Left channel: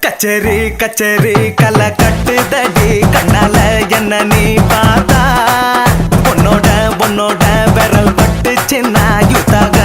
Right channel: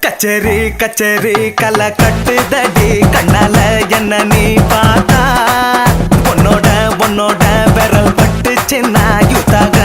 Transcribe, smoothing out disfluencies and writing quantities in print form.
கச்சேரி கச்சேரி கலை கட்டுதடி கண்ணால என்ன நீ பார்த்தா உன்னோட விரல் பட்டு சின்ன யூத்தாக